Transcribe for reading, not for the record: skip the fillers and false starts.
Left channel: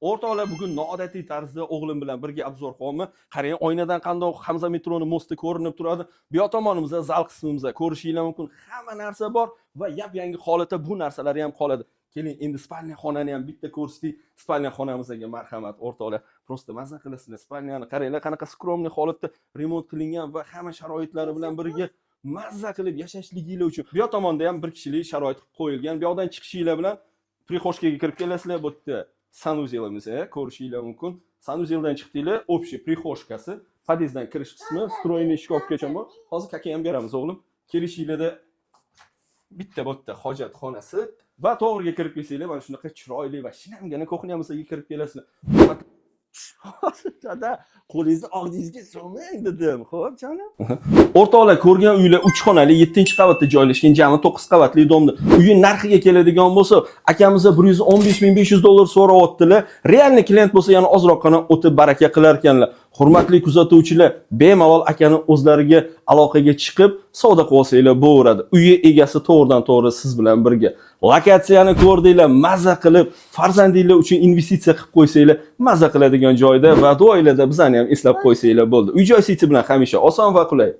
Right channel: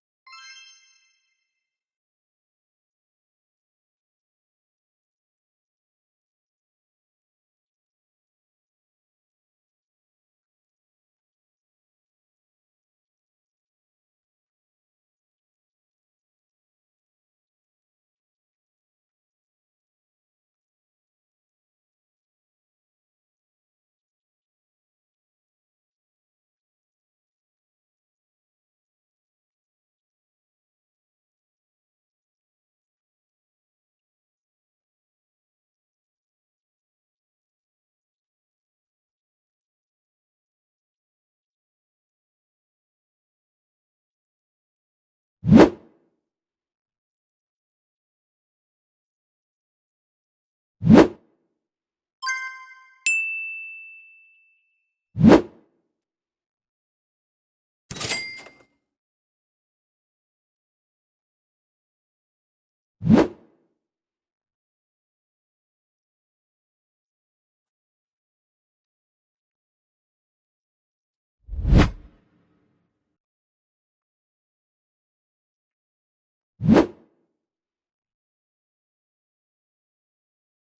O'rtoqlar, bugun noodatiy tarzda o'g'lim bilan birga Abzorxonni qarang, oynadan qandoq Hamza metroni mosti ko'rinib turadi. Bu yoq tomonimizda zal qismimizda ko'rishinglar mumkin. Hamma narsa bor va yap-yangi holatda bu narsalar ham qoladi. Keling, endi spalniya xonani ham bitta ko'rsatdik. Spalniya xonamizga marhamat o'rtoqlar. Prosta mazza qilasizlar. Spalniyani qaranglar, qanaqa skromniy holatda remont qilingan va hamma sharoitlari bilan birga mazza qilib yashashliginglar uchun. Bu yoq tomonda ham bir kishilik sharoit qilib qo'yilgan. Bu yoqdan chiqishinglar bilan prixoshkaga kirib kelasizlar. Bu yerda sanuzelimiz, ko'rishinglar mumkin. Sanuzeldan chiqdinglar, общий prixoshkasi, podyezddan kirish qismi, stroyniy shkofgacha bor. Hozir kaka ham beramiz o'g'lim. Kelishinglarda bitta bu yerda hojatxonasi va to'g'riga kirib kelsanglar, mana shunaqa chiroyli va shinamgina kuxnyamizga kirib kelasizlar. Hozirda qo'lingizni og'zingizga solmang dedim. Xo'p, jonim. O'rtoqlar, ko'rgan uylar 3 xonali, 7-qavatda joylashgan, jami 9 qavatli domda. Uyning narxiga keladigan bo'lsa, akamiz $115,500 so'rayaptilar. Realni klient bo'lsa, yana ozroqgina o'tib baraka qilar ekanlar. Hurmatli kuzatuvchilar, bemalol akani o'zlariga aloqaga chiqib, savdo qilib olsanglar bo'laveradi. Uyi egasi to'g'ridan-to'g'ri siz bilan birga. Lokatsiyani ko'rdinglar, mazza qilib, farzandinglar uchun investitsiya qilib qo'ysanglar, mazza qiladigan joyda va duoylarda bizani ham eslab qo'ysanglar bo'ldi. Uy-joy siti bilan hamisha oson va qulay.